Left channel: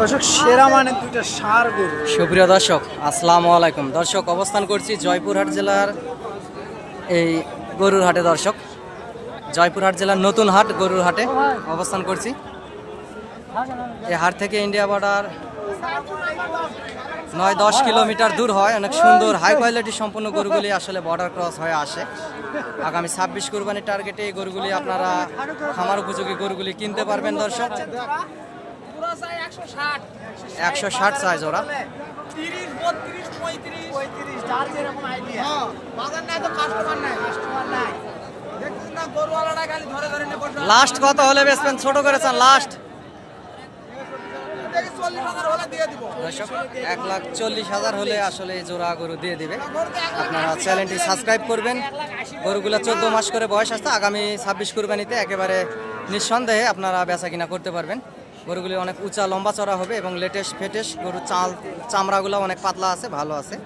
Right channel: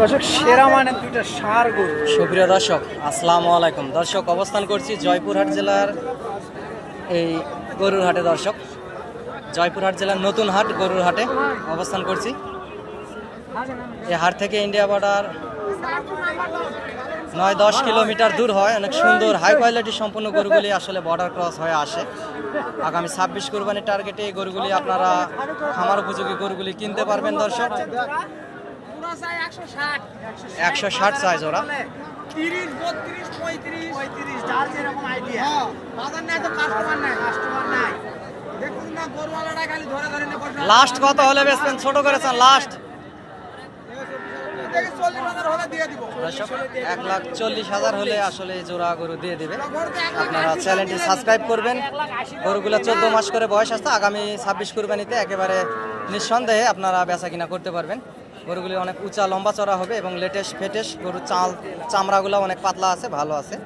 দর্শক সেরা মানের দুইটা ষাঁড় গরু। সুপ্রিয় দর্শক আসসালামু আলাইকুম। দর্শক অবস্থান করছি জয়পুরহাট জেলার এই গরুর হাটে। দর্শক জয়পুরহাট জেলার নতুন হাট গরুর হাটে অবস্থান করছি। এই হাট থেকে ইন্ডিয়া বর্ডার 9-10 কিলোমিটার দূর হয়। অনেক সুন্দর হাই কোয়ালিটি সম্পন্ন গরুগুলি আসলে বর্ডার ক্রস হয়ে আসে। আগামী 26 কুরবানির টার্গেটে এই গরুগুলি আপনারা খামার উপযোগী গরুগুলি কিনতে পারবেন। দর্শক 160 সাইজ ওরা। লাস্ট কত হলে বেচবেন? ছোট করেছেন লাস্ট 1,40,000 হলে আসলে এই জোড়া গরু দিয়ে দিবে। আপনারা চ্যানেলটি সাবস্ক্রাইব করবেন। গরুগুলো 14 মাস করে বয়স আসতে আগামী 26 কুরবানিতে একেবারে নিঃসন্দেহে আপনারা বেচা কিনা করতে পারবেন। গরুগুলি অনেক উঁচা লম্বা চড়া হবে এবং লেটেস্ট ফেটেস্ট গরুর চামড়াগুলো অনেক পাতলা আছে, ভালো আছে।